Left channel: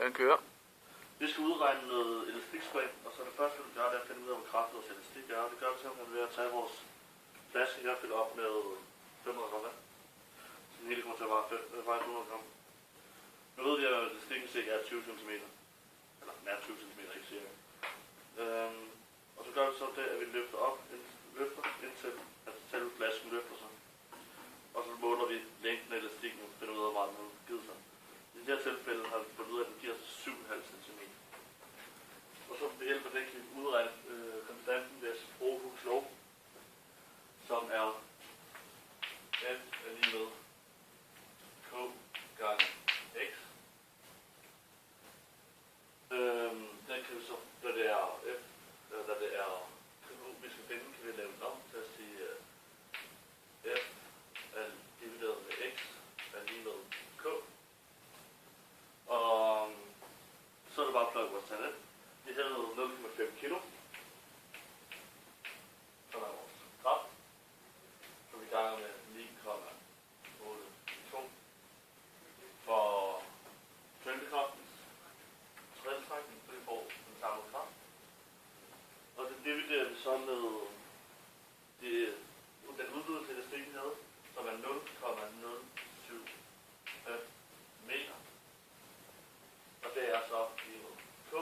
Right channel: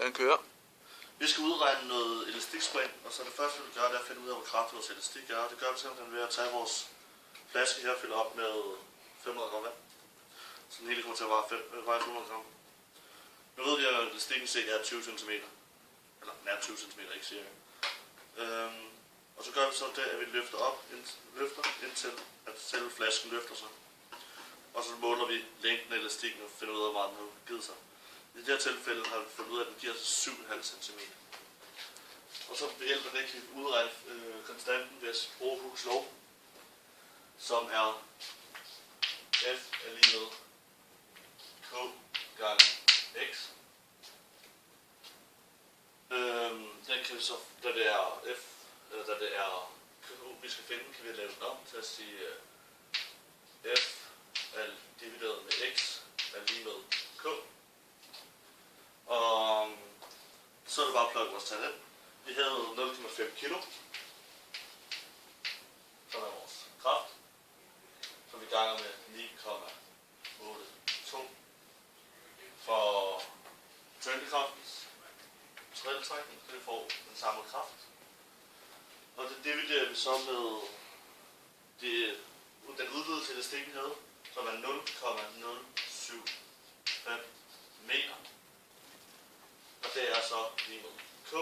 Den kører. Vi skal udregne noget elastikspring, og så det første vi vil gøre, det er at finde ud af, hvor kraftigt vores elastik er. Det gør vi simpelthen ved at tage vores flaske her og fylde op med 500 gram vand. Så den hele kommer til at veje 500 gram. Nu ved vi, at elastikken cirka er 20 cm. Eller nær 20 cm, ikke cirka. Og så gør vi så det, at vi løfter indtil at selve flasken løfter sig. Og så måler vi længden af elastikken og finder ud af, hvor meget den har givet sig. I det her tilfælde har vi fundet ud af, at den giver sig 7,5 cm. Og så ved hjælp af det kan vi udregne konstanten ved at bruge Hooke's lov, som er F er lige med K gange X. Den kan vi så, da det er F, eller da det er K, vi skal finde, kan vi lave den om til at sige F er divideret med X er lige med K. Og så er det bare at plukke vores tal ind. Vi havde 0,5 kilo, som er vores kraft, som vi ganger med 9,82 for tyngdekraftens tredjeltrækning, så vi får den samme kraft. Og det dividerer vi så med den udvidelse elastikken havde, som er 0,075 meter. Og det er så lige med K.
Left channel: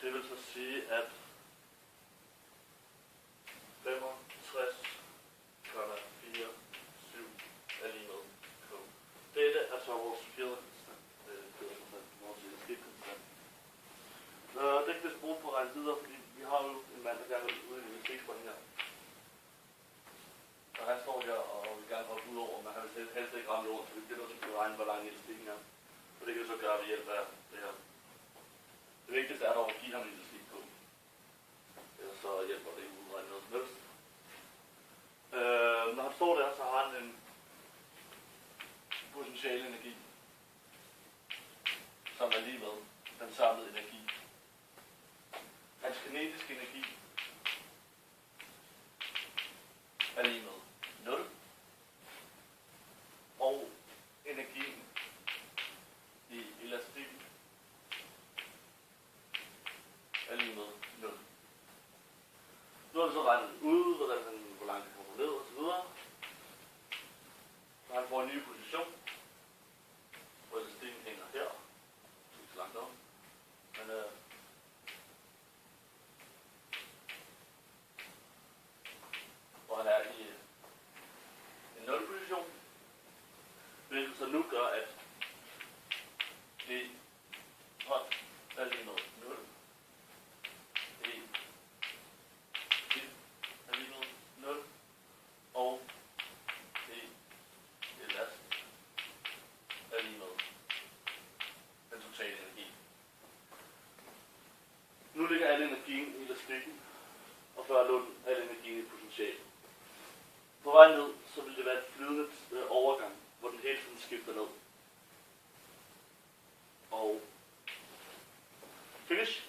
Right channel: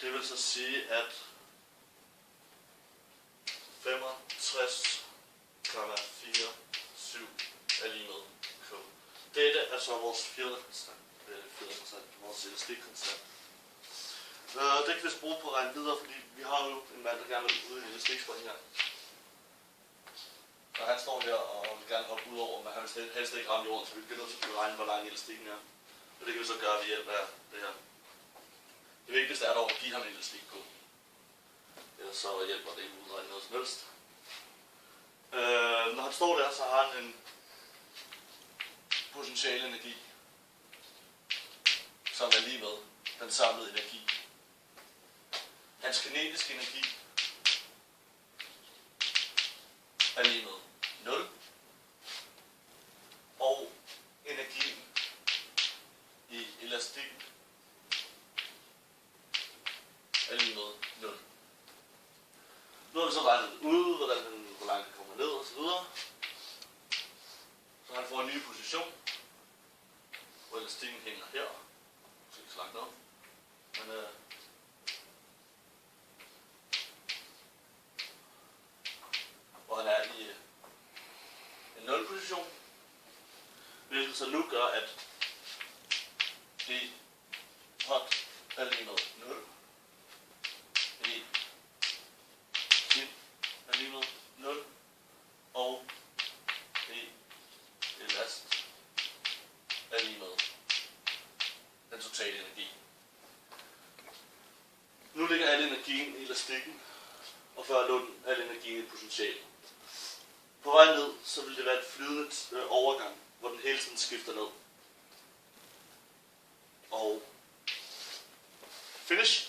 Det vil så sige, at 65,47 er lige med K. Dette er så vores fjederkonstant, vores elastikkonstant. Det kan vi så bruge på at regne videre, fordi vi har jo en mand, der gerne vil ud i en elastikspring her. Og han står her og vil gerne hoppe ud over, men han vil helst ikke ramme jorden, så vi bliver nødt til at regne, hvor lang elastikken er. Og det kan vi så gøre ved hjælp af det her. Det vigtigste er dog at give ham en elastik på. Så hjælper det ikke udregne noget som helst. Når han står der, så har han en potential energi, som er lige med den samlede energi. Hans kinetiske energi er lige med 0. Og energien i elastikken er lige med 0. Nu har vi så regnet ud, hvor langt det kommer ned og så videre. Så han får en ny position, hvor elastikken hænger her. Det er ikke så langt op. Men hvor han er i en 0 position. Hvilket så nu gør, at det hot er lige med 0. Det tip er lige med 0. Og det elast er lige med den totale energi. Nu ligger al energien i elastikken, og før lå al energien i potentialet. På vej ned, så vil det være et flydende overgang, hvor den hele tiden skifter ned. Og finish.